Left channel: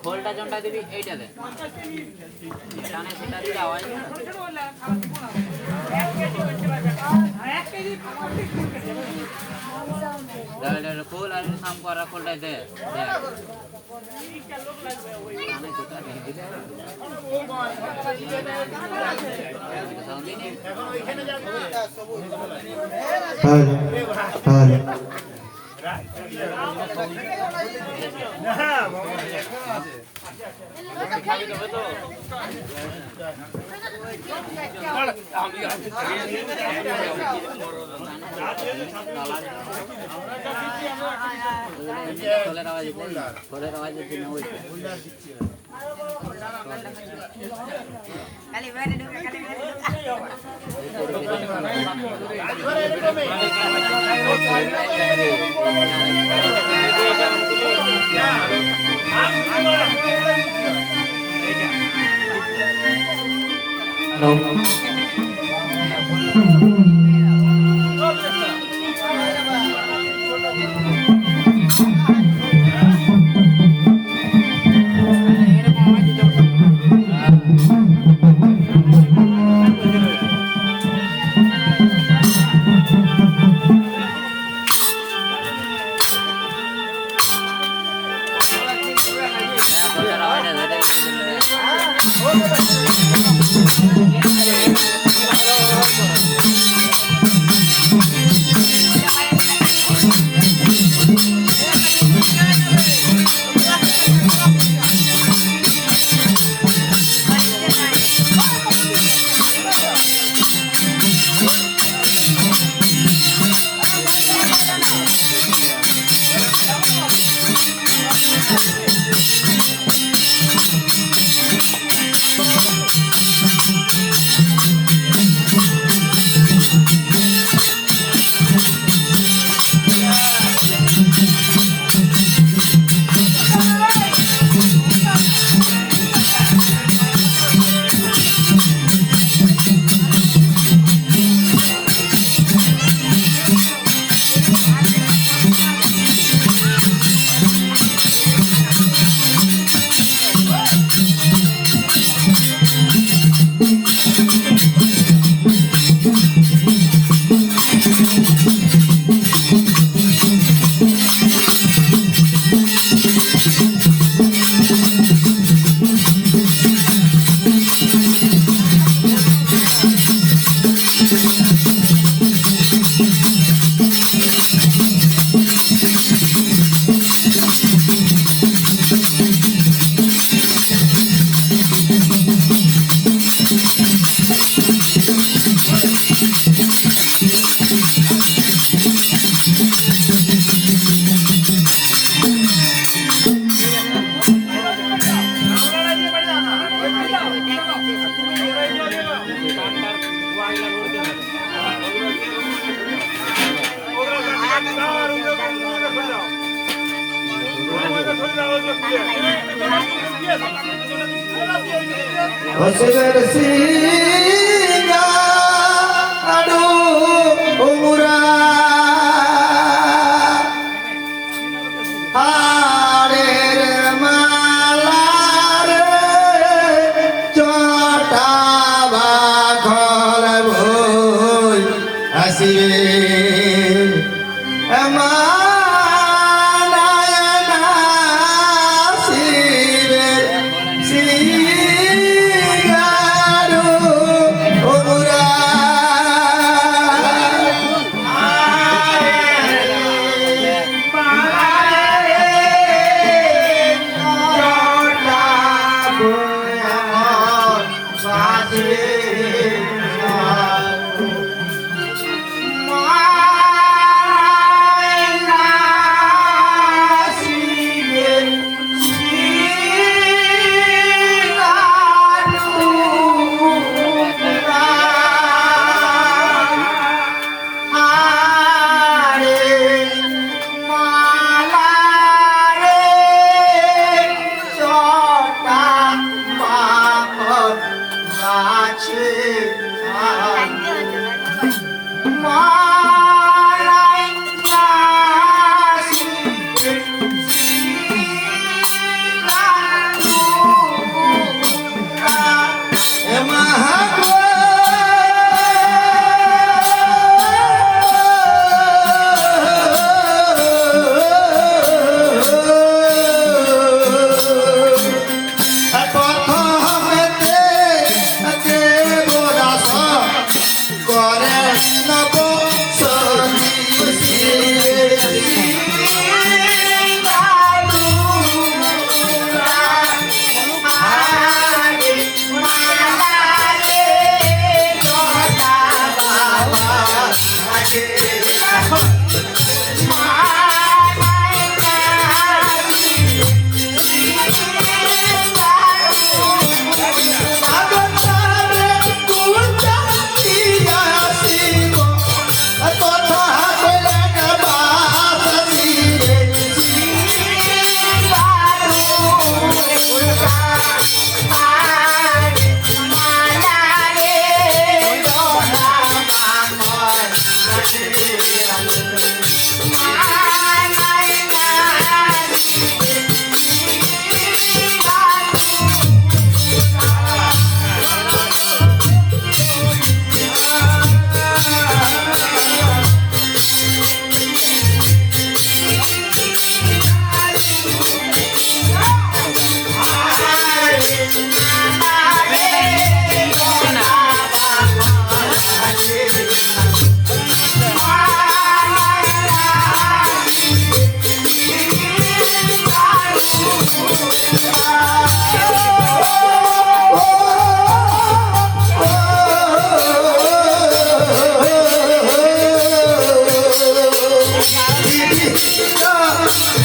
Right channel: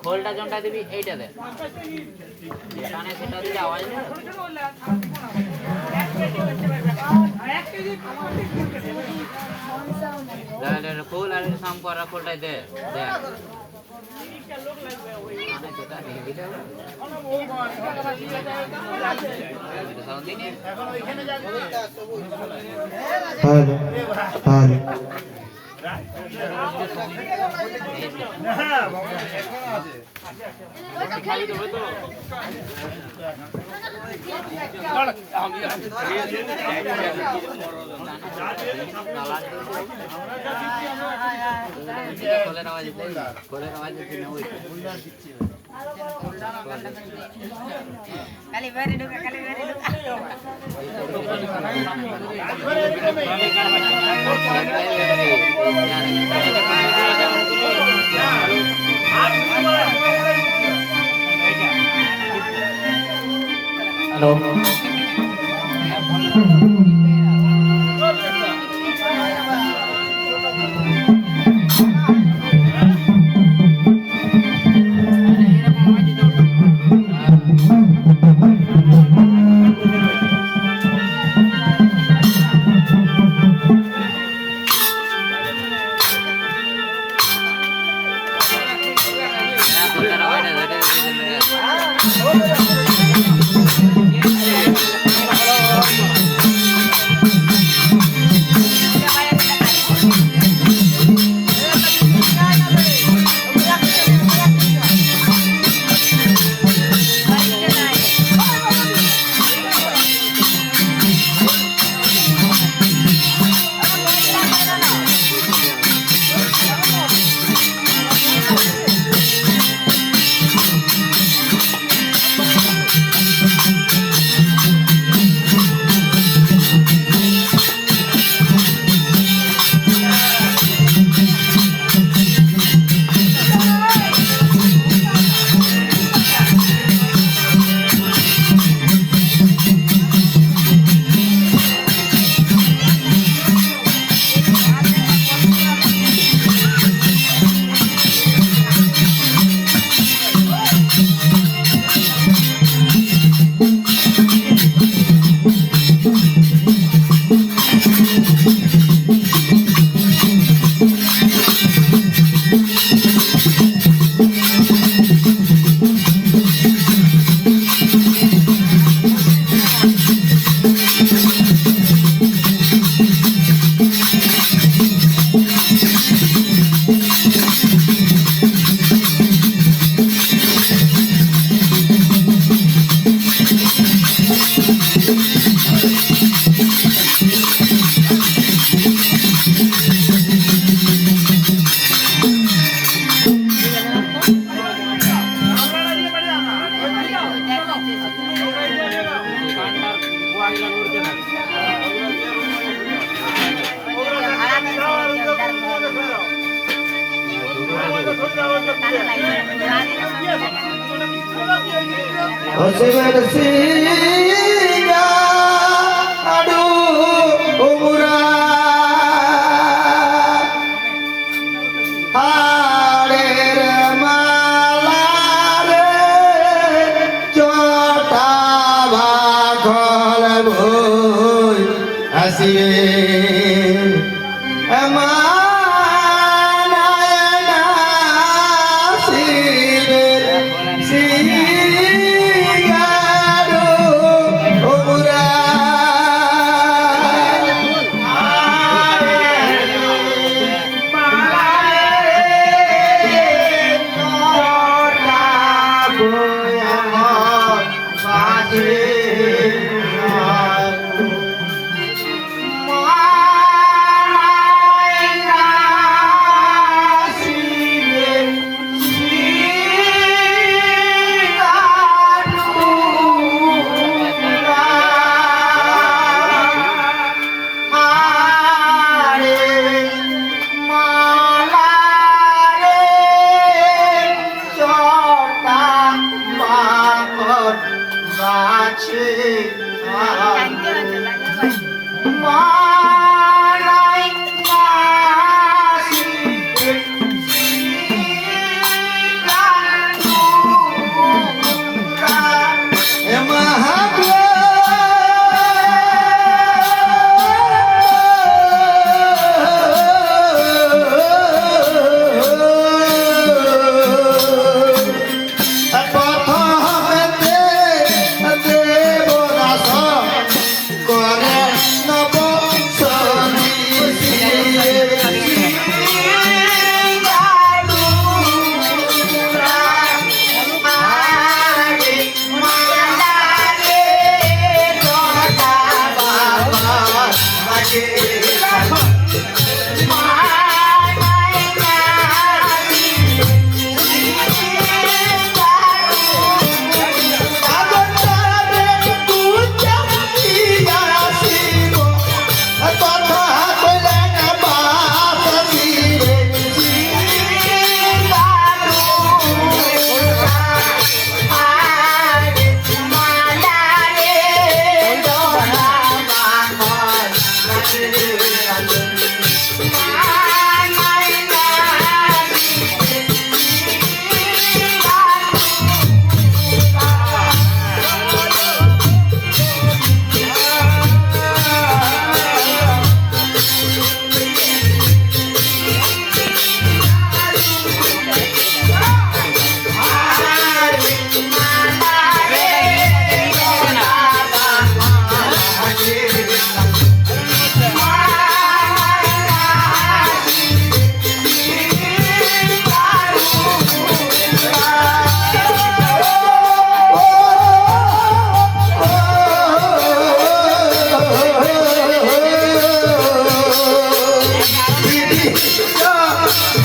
खोलटा जंटा देवी এইটা দে কানে সেটা দিলে আওয়াজ না এক কেজি দে কোল আর সাম করা কোলটা দে দে কানে সেটা দিলে এখন ওইখানে যাবে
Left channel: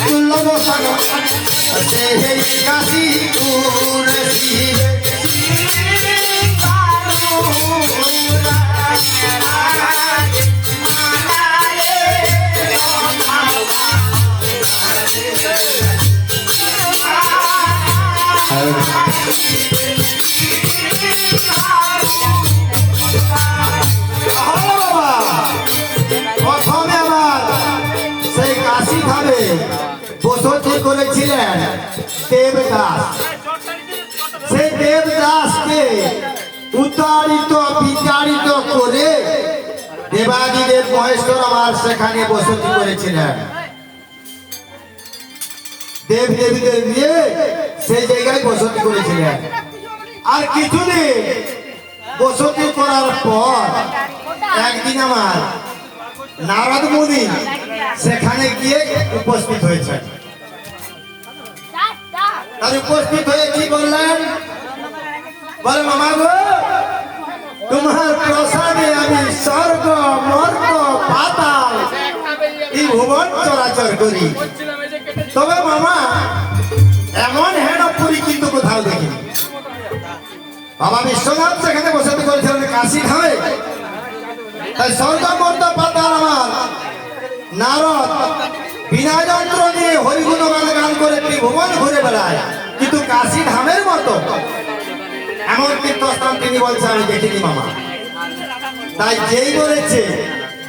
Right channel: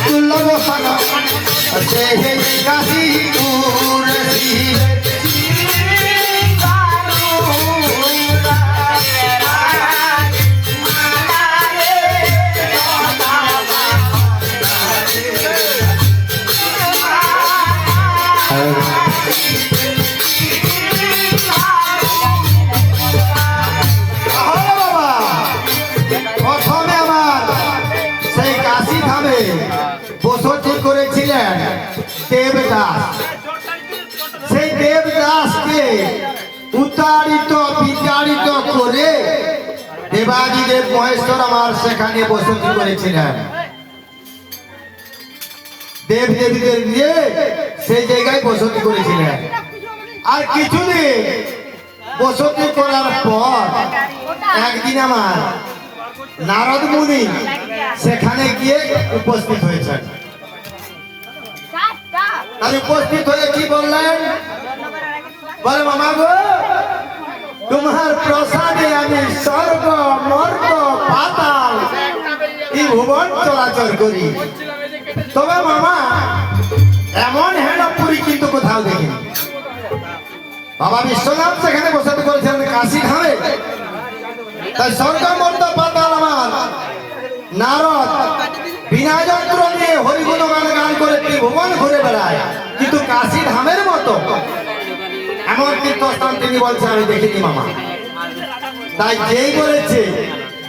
দুর্লভ সেই কাশী শিবে প্রথমে আমার সেই কাশী ধামে বসতি করেছিলেন দেবদাস। সেই দেবদাসকে উতারিত বিতাড়িত করে দেবাদিদেব মহেশ্বর আমার সেখানে বসতি করেছিলেন। দেব দেবীদের দিয়ে সেই জায়গায় বসতি করেছিলেন। আর কিছুদিন বসতি করার পর একদিন আমার নারদ মুনি সেখানে গিয়ে উপস্থিত হয়েছেন। তাহলে উপস্থিত হয়ে কি বললেন? বলে মামা গো, তোমার প্রসাদে আমি স্বর্গ মর্গ পাতাল এই ভুবন চলাচল করি। তবে মামা এমন হেড়পুরি কিন্তু কোথাও দেখিনি। বাবা বিশ্বনাথ সেখানে বসে করেছিলেন কাশী ধামে। তাই স্বর্গ মর্গ পাতাল আমার নারদ বিনা যন্ত্র দিয়ে হরিগুণগান গান করে ভুবন ঘুরে বেড়ায়, কিন্তু কাশী ধামের মতো এমন তীর্থস্থান তিনি বলছে আমি দেখিনি মামা। তাই যেই বলেছে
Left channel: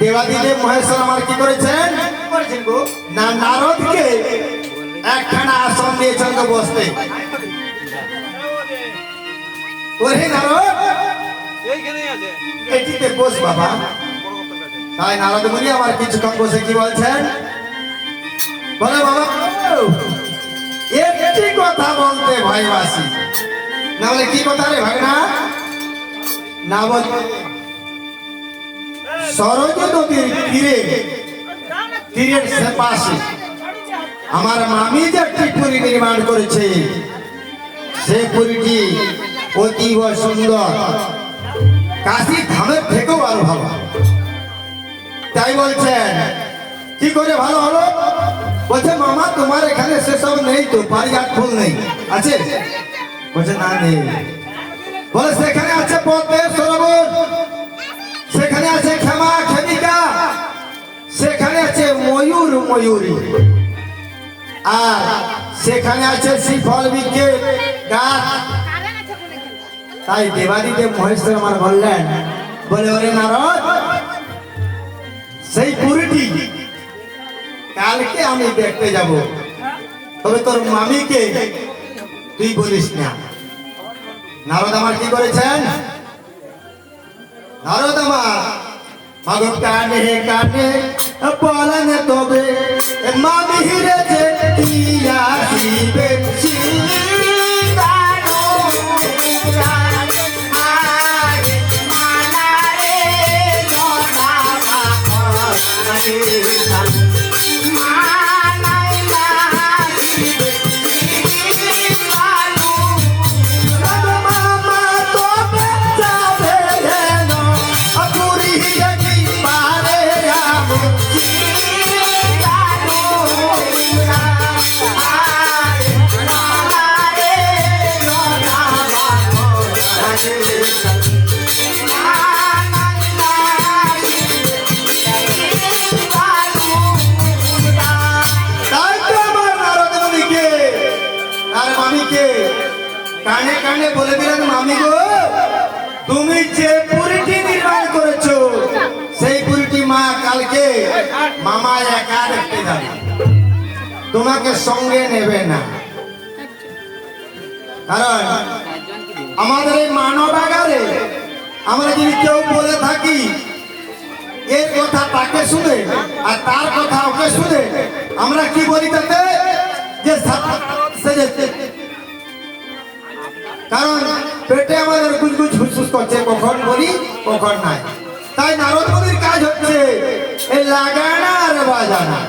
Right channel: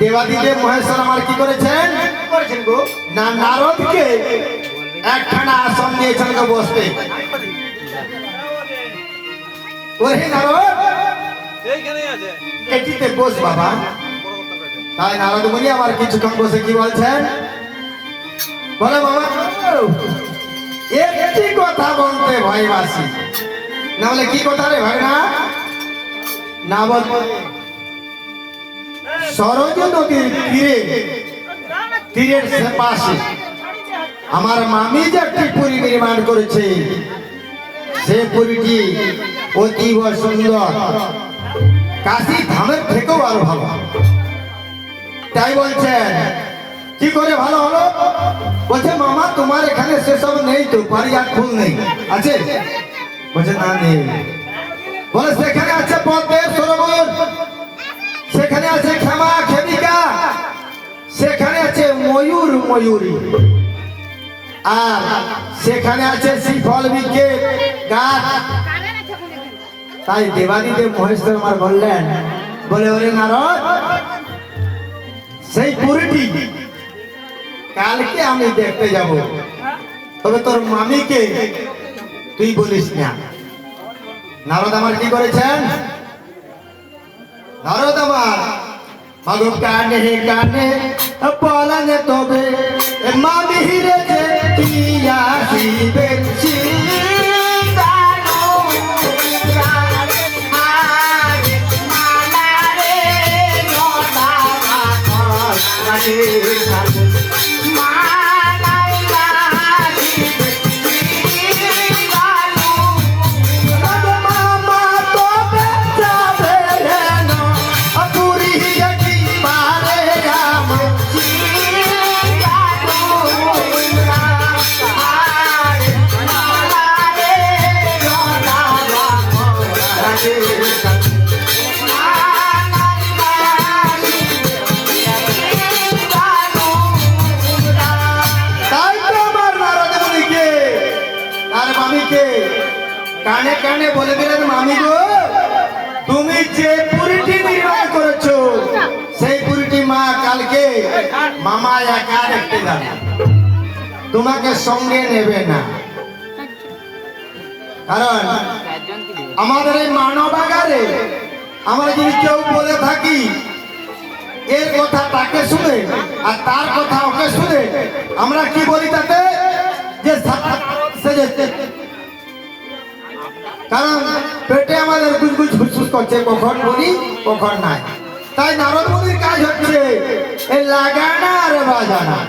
দেবাদিদেব মহেশ্বর আমার কি করেছেন না, নারদকে একখানা আসন দিয়েছেন তো বসতে। ওরে নারদ এটিতে বস বাবা। তাই নারদ মুনি আমার কিছুক্ষণ বসে কি বলছেন? বলে বাবা একটি কথা বলতে ভয়বাসী। না বলে কি কথা রে ভাই? না বল সরজ নদীর তীরের সে পাশে আমার মামি যে একটি পুরী নির্মাণ করেছে, সে পুরীটি অতীব সুন্দর, কাশী ধামের থেকেও আরো ভালো। তাই বলছেন কি করে ভালো হলো? বলছে মামা তোমার এখানে সেসব নেই তো, বাড়ি আর ফুল নেই আছে? বলছে না নেই। বলে সেখানে আছে পদ্মের সরোবর, সেখানে আছে ক্ষমা খেমিকা, সেখানে আছে ময়ূর ময়ূরী, আর সেখানে আছে শ্রীফল বৃক্ষের গাছ। তাই দেবাদিদেব মহেশ্বর আমার বললেন, বলে ওরে নারদ সেই পুরীটি কালকে আমি দেখতে যাব, তবে তোর মামিকে তুই বলিস না। নারদ আমার কি করেছেন? নারদ আমার মাগো কানে কানে বলেন তবে মামি হিরে যে কিয়া শিবে কানে কানে বলে দিলেন, মামি গো তুমি যে পুরীটি নির্মাণ করেছো সেই পুরীটি মা কালকে মামা একা দেখতে যাবে, তোমাকে সঙ্গে নেবে না। কারণ আমাদের এই মানবাগারে আমরা যদি কেউ বলে থাকি এর কথা তাকে শুনে আর তার কথা ওকে শুনে, আমরা কি বলি তাতে যে কারণ পেটে আমাদের গুজগুজ হুসুস করছে, কখন বলি কখন নাই। তাই নারদ মুনির কাজ হচ্ছে এই লাগানা আর বাজানা।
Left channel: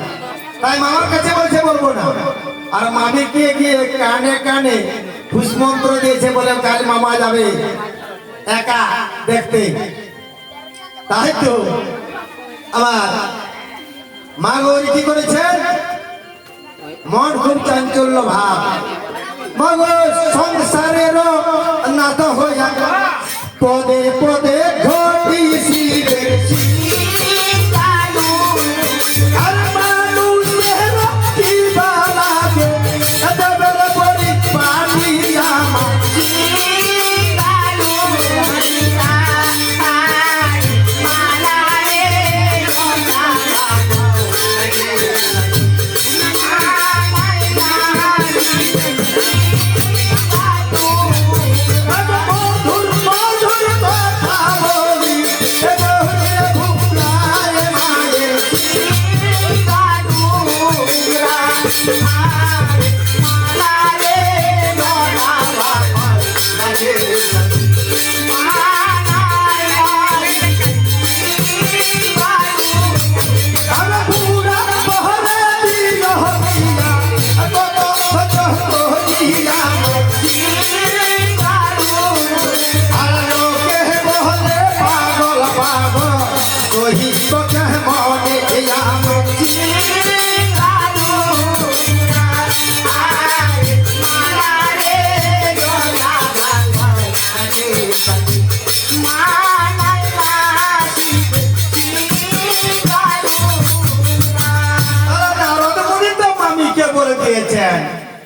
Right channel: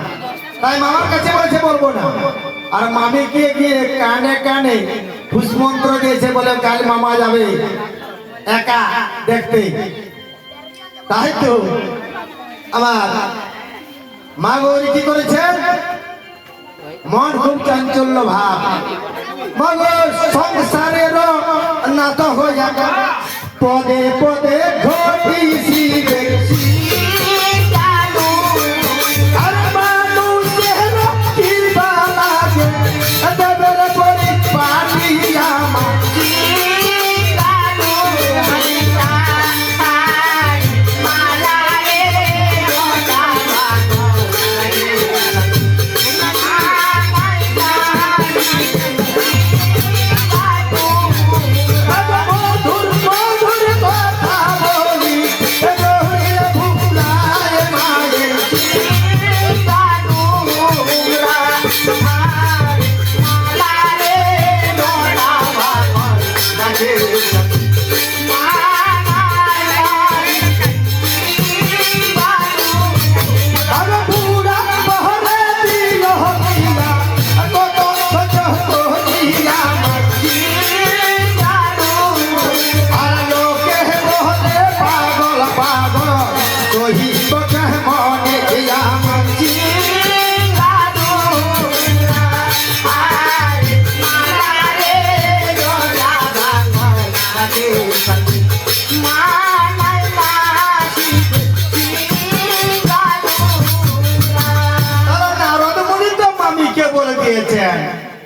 তাই মামার কাছে বলছে বলবো না, আর মামি গিয়ে গিয়ে কানে কানে পুষ্পমন্ত্র দিয়েছে বলে কাল মামা যাবে একা দেখতে। তাই তো আমার মা গৌরী কি করেছে? মন খুব চাঞ্চল্য ভাব মগ সংসারের নাত হইয়া পদে পদে ঘটিছি দেখছি আর মানুষের কি লাগে এদের পরি পানিয়া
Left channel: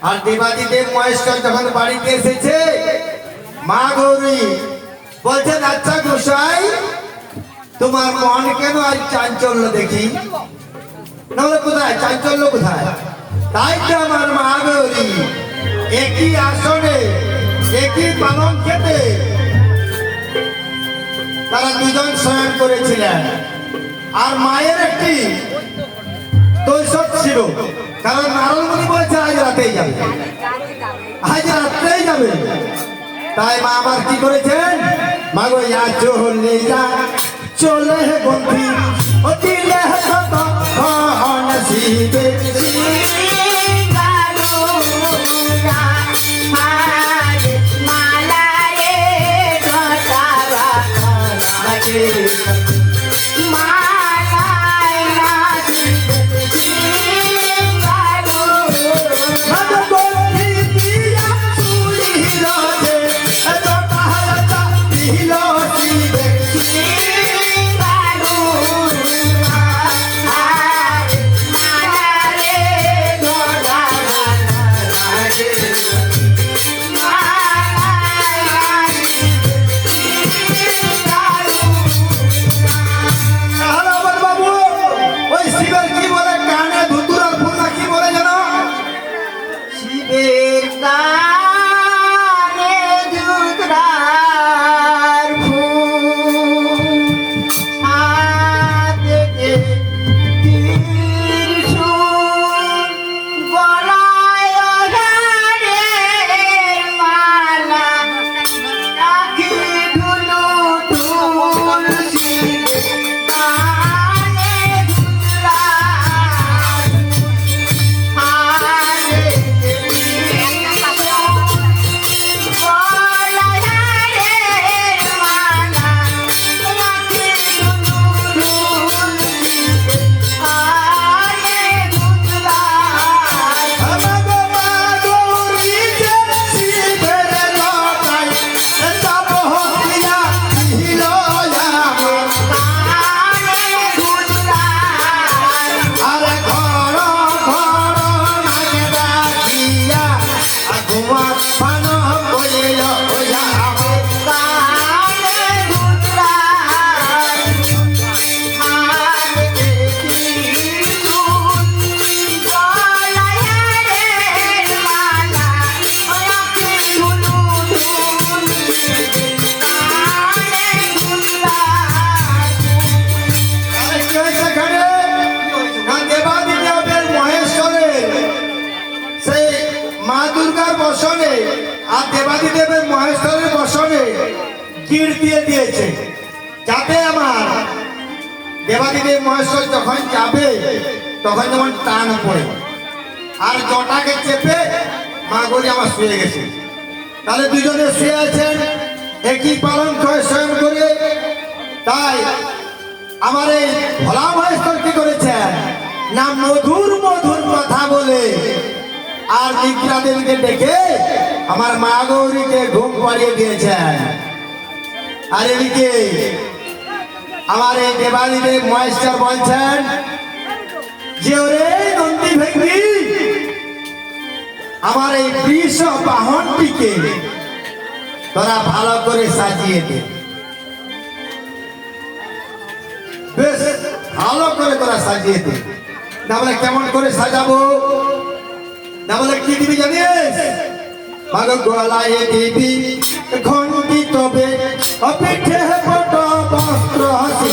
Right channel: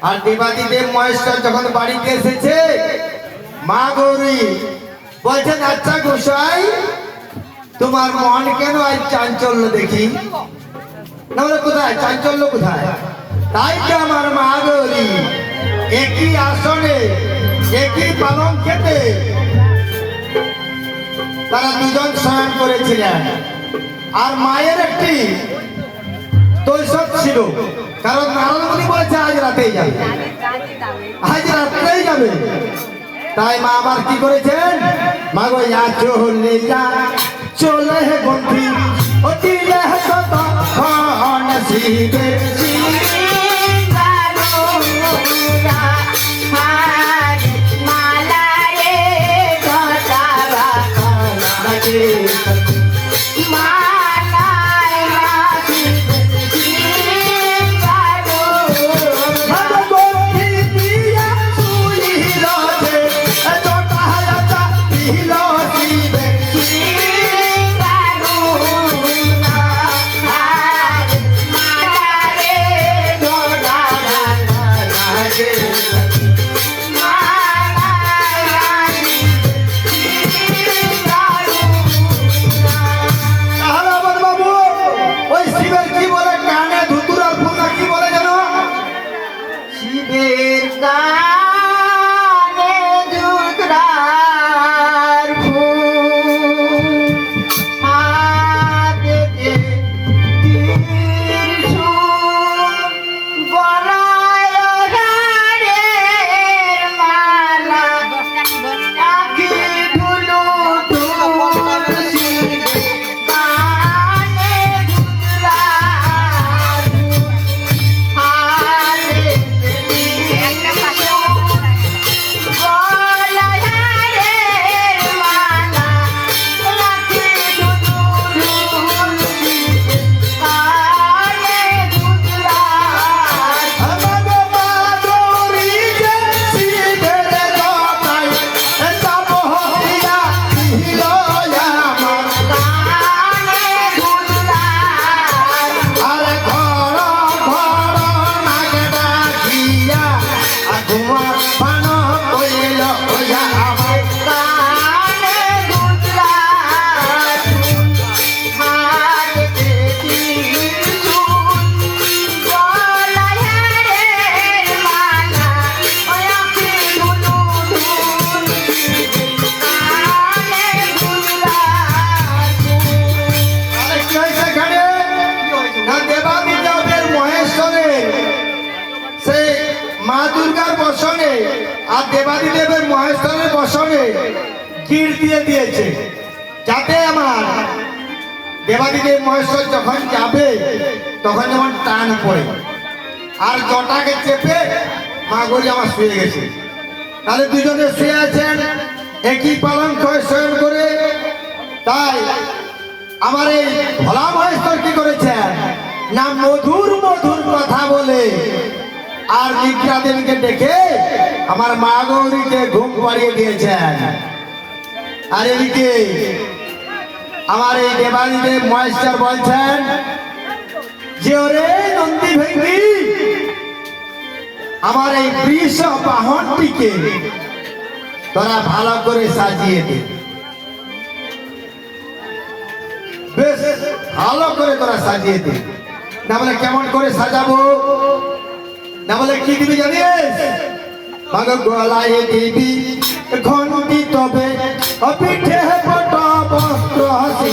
আর দেবাদিদেব মহেশ্বর যখন বাড়িতে এসেছে মা গৌরী বলছেন আচ্ছা গোসাই তোমার মন কেন আজ চাঞ্চল্য দেখি না বলে কোথায় চাঞ্চল্য কোথায় তাই তো আমার মা গৌরী একই আসনে একই পালন খেতে তারা দুজন শয়ন করেছিলেন আর মায়ের একটি দৈশক ছিল কারণ নারদমুনি বলেছে আজ রাতেই যাবে আজ রাত্রেই যাবে তাই মা আবার কি করেছেন মা গো ইয়া চলে যা চলে হে বন্ধু ও দিলে কত হন শিবে দেবাদিদেবের মহেশ্বরের বসনে গির দিয়ে দিয়েছে যাতে আমার দেবাদিদেব মহেশ্বর যখন যাবে তখন যেমন টান পড়ে আর জটাকে চেপে মা গৌরী আমার শুয়ে গেছে তাহলে দুজনে শুয়ে আছেন একই পালন শয়ন করে তাই আমার এই ভোলা মহেশ্বর কি করেছেন না মধুর মধুর কথা বলে আর নিদ্রা দেবীকে ডেকে আমার মা গৌরীকে ঘুম পাড়িয়ে দিয়েছেন। আর এদিকে আমার এই দেবাদিদেব মহেশ্বর বলছেন যে ওরে নন্দী ভেঙ্গি আমার এই বৃষ বাহনটিকে তোরা ভালো করে সাজিয়ে দে, বেশ ভালো করে তোরা সাজিয়ে দে। না বলে কেমন করে সাজাবো, না বলে কি দিবি জানিস? গলায় দিবি ঘন্টি, তবে পিঠে বট বস্ত্র হাসি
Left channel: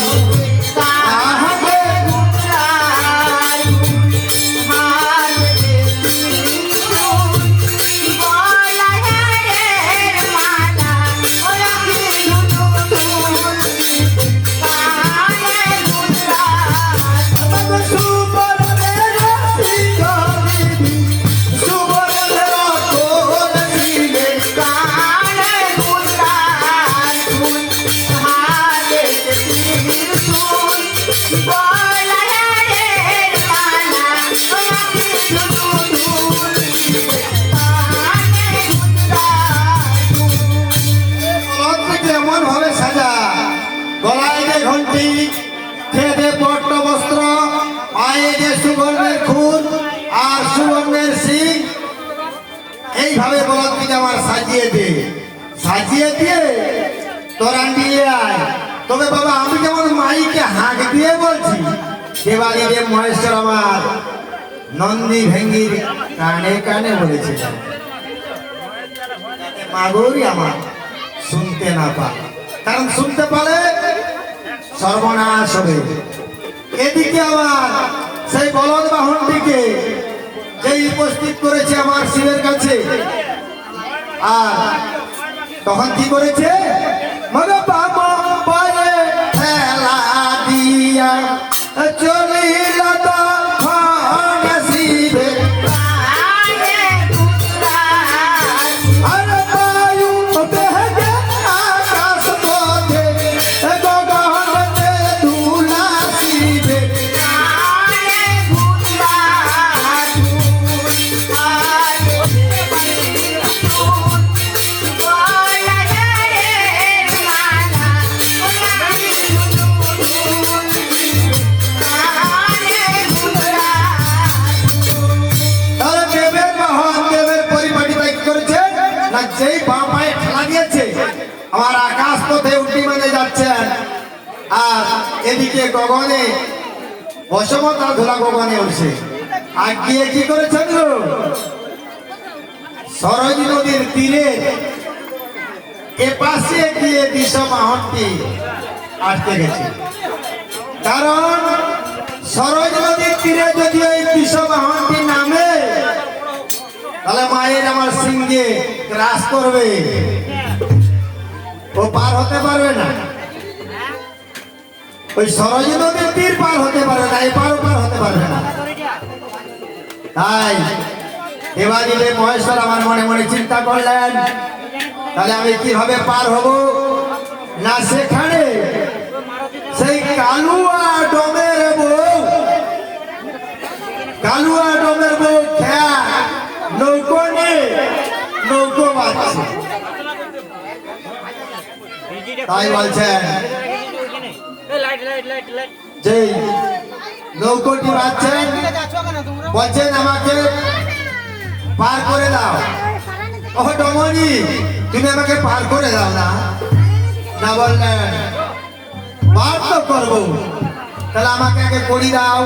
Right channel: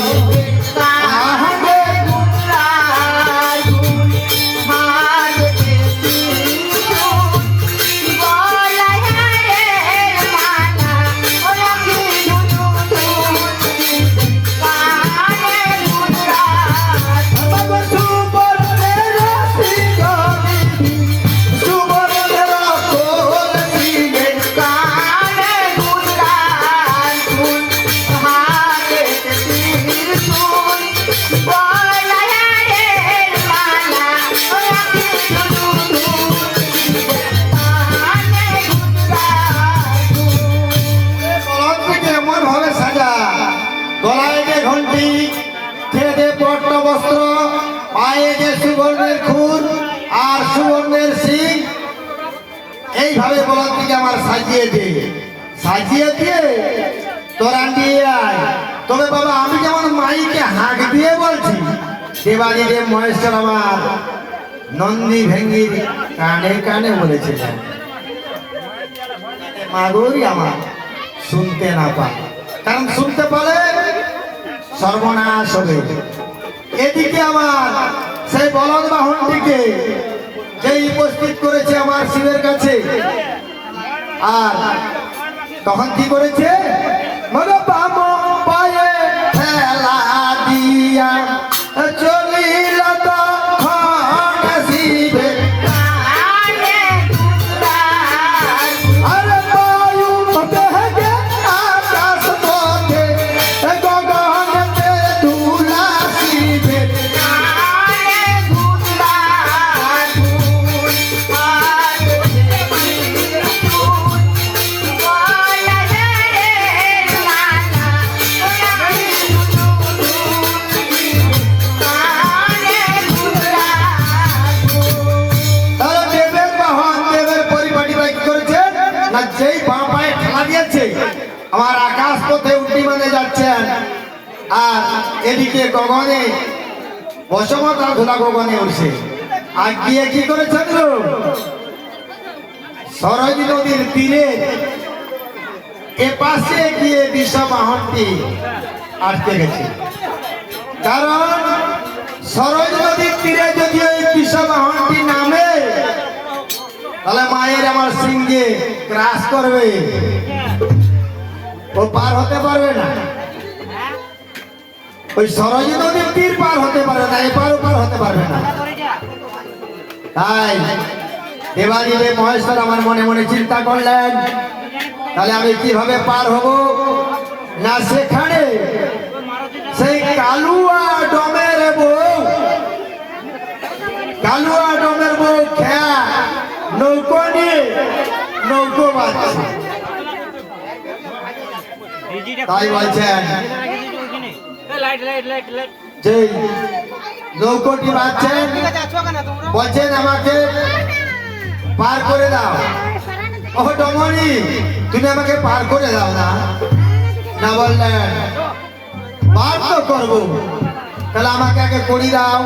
এইভাবে বলার দিকে আমার সাজিয়ে দে, সাজিয়ে দিয়ে তোরা নিয়ে আয়। তবে বাবা আমি যেমন মাইকে হাঁক দিয়ে বলছি, দেবাদিদেব মহেশ্বর আমার নন্দী ভেঙ্গির কানে কানে বলেছিলেন মা গৌরী আমার শুনতে না পায়, কারণ শুনতে পারে সর্বনাশ হবে। এদিকে আমার সেই বলদ বাহনটিকে যেই উপস্থিত করেছে আমার শিবের কাছে, আর তখন কি করেছে? মনে পাবো পরে ফেলা দিয়া চলিল তখন শিবে, আরে বায়ু বেগে আকাশ পথে গগনতে ধুলা শিবে। আমার আকাশ পথে উঠি মানে যাচ্ছেন, আর এদিকে গগনে বসমতা ধুলা গগনে উঠছে। আর গিয়ে কি করেছেন? সরজ নদীর তীরে এপাশে গিয়ে বিষমাহনটি আটকে গেছে, কারণ সরজ নদীর তীরে যদি ওই বিষমাহনটি নামে তাহলে মায়ের আমার সিংহে গ্রাস করবে, ও পার হতে পারবে না। ওই সরজ নদীর তীর পার হতে পারে না, এপার পার হতে পারবে না। তাই দেবাদিদেব মহেশ্বর আমার মনে মনে চিন্তা করলেন, তাহলে আমি কিভাবে পার হব? না সেখানে সেই কালুয়া ডোমের বউ, কালুয়া ডোমের বউ খেয়া নৌকো নিয়ে নৌকো বাঁচছে। তাই বলছেন যে নৌকোটি বাঁচছেন, বলছেন আমাকে পার করে দাও। ও ডমনি, তুমি আমাকে পার করে দাও না। না বললেন পার তো করবো, তাহলে আমাকে আগে করি দাও,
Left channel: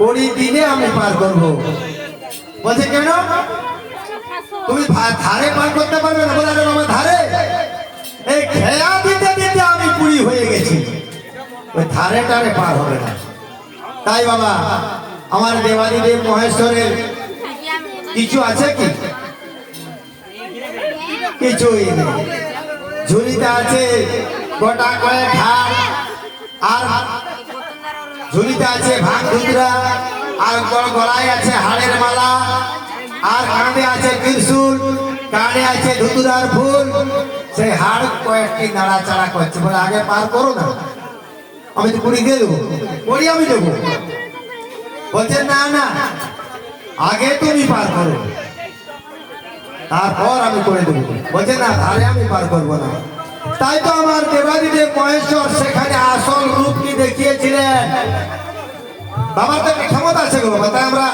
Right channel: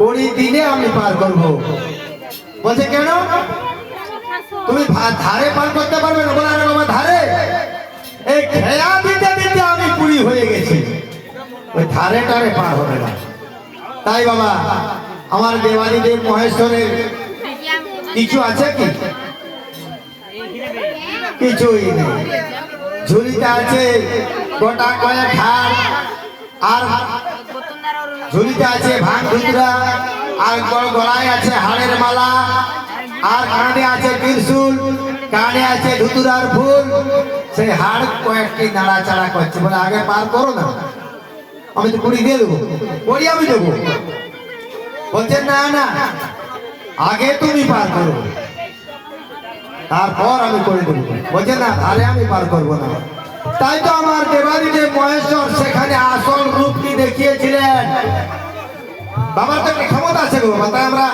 করি দিনে আমি পার করবো। বলছে কেন? তুমি ধারে পার করতে পারবে না? বলে আমার ধারে এই খেয়া দিতে দিতে আমি পুরি হয়ে গেছি, ওই ধারে টারে পার হবে না। তাই বাবা আমার দেবাদিদেব মহেশ্বরের কিছু আছে কি? কিছুই নেই। ঝুলিতে আছে গোটা কয়েক হাড়, আর ঝুলিতে আছে ভাঙ ধুতরা, আর গলায় আছে হাড়ের মালা, আর কানে আছে ত্রিশূল, কানে আছে ধুতুরার ফুল। সেই হাড় কয়েকটি নাড়াচাড়া করছে, বলে আগে পার করো না, আমি তো কুড়ি দিয়ে দেবো, করি আমি দেবো। বলছে না না, আগে তুমি পার করো, তারপর আমি করে দেবো। বলছে না তাহলে আমি পার করবো না। তাই তো আমার দেবাদিদেব মহেশ্বর সেখানে আসল রূপ কি দেখিয়েছিলেন। বাবার তো একটা ক্ষমতা আছে গো বাবা। তাই আমরা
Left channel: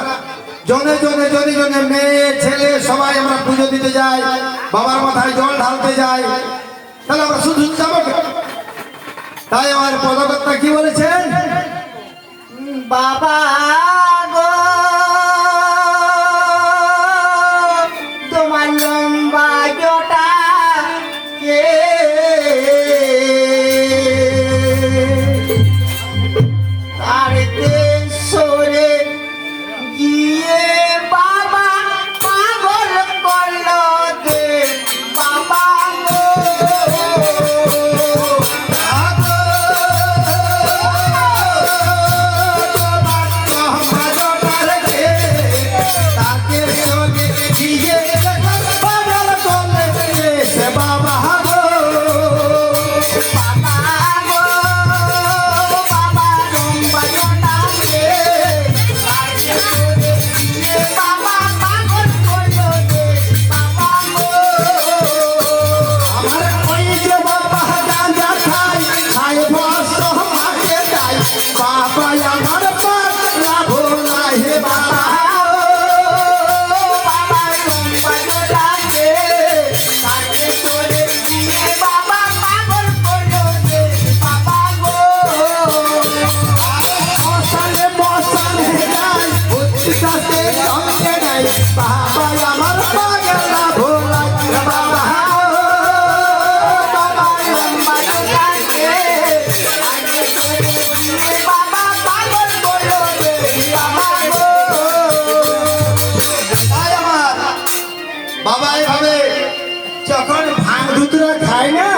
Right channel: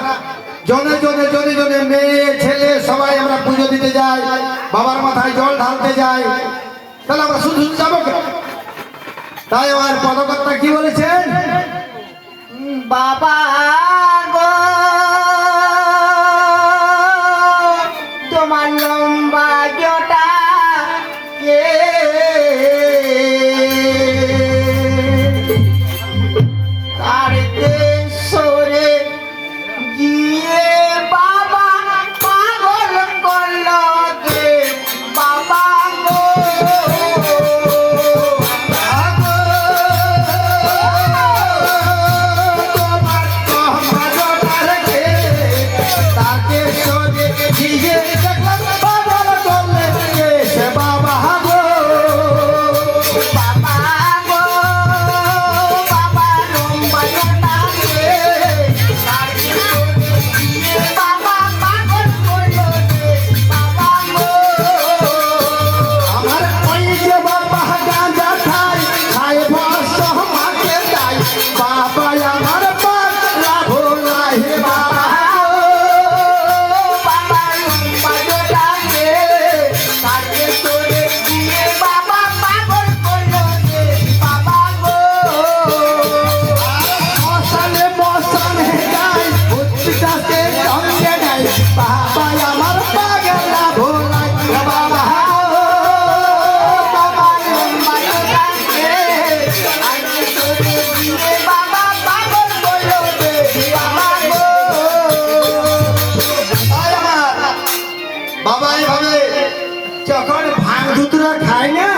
জনে জনে জনে জনে মেয়ে ছেলে সবাই আমরা পুজো দিতে যাই, বাবার মাথায় জল ঢালতে যাই। তাহলে আমরা শুধু শুধু যাবো কেন? তাই আমার পদকর্তা কি বলেছেন, বাবা গো তোমার লম্বা জটা কে তাড়িতে সরে গিয়ে বাবা পাগল করলো কে বাবা গো বাবা এভাবে যখন ভাঙ ধুতরা খায় না